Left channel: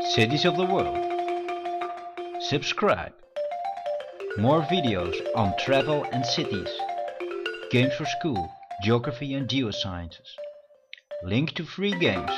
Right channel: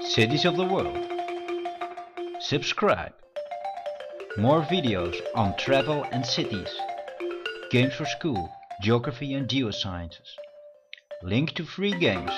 Cities of the world. Subscribe. More videos on travel and cities. Games for school, geography and geosciences. Link to free games.